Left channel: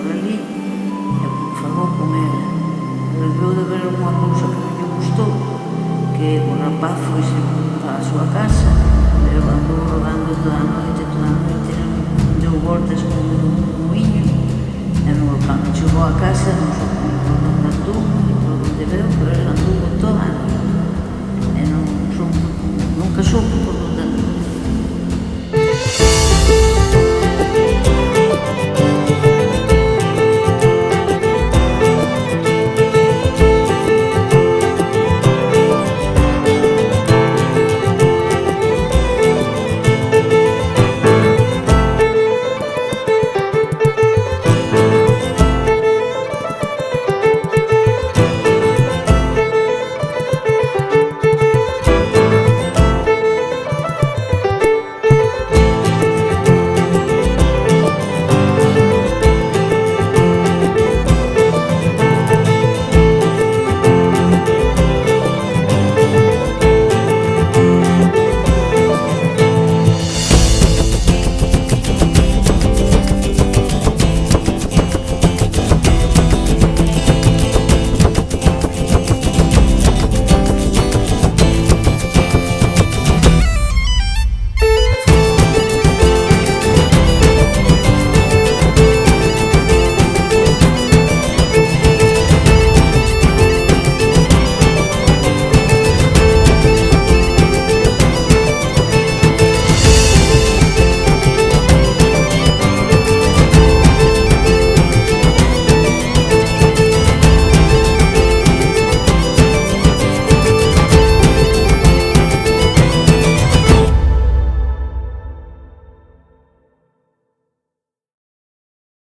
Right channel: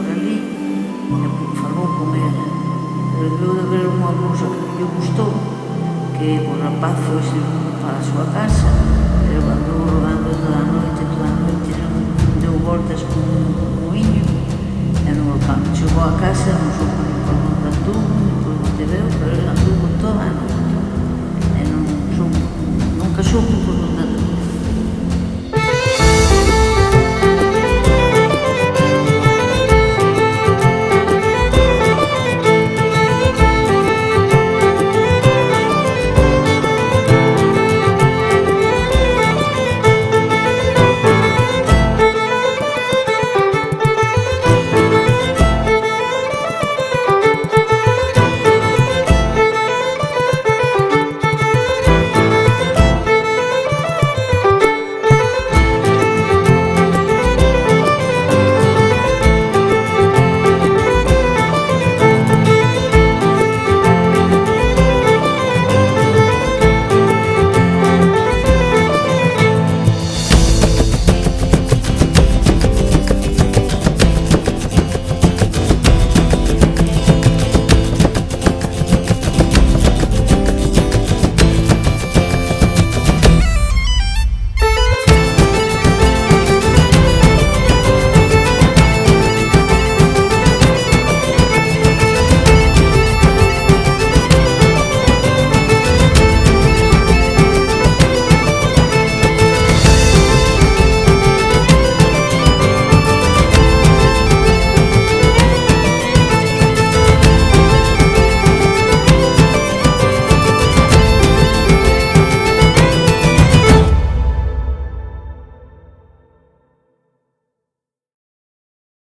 por ali e falou con ela. Pero deu de ver unha cousa que non lle gustou, que o rapaz foise para a súa casa, pero andou rodando toda a noite, non deu voltas con un muiño, e cando chegou a casa non soube nin por onde anduvo, nin por onde veu, pero ele anduvo toda a noite, e nunca soubo por onde anduvo.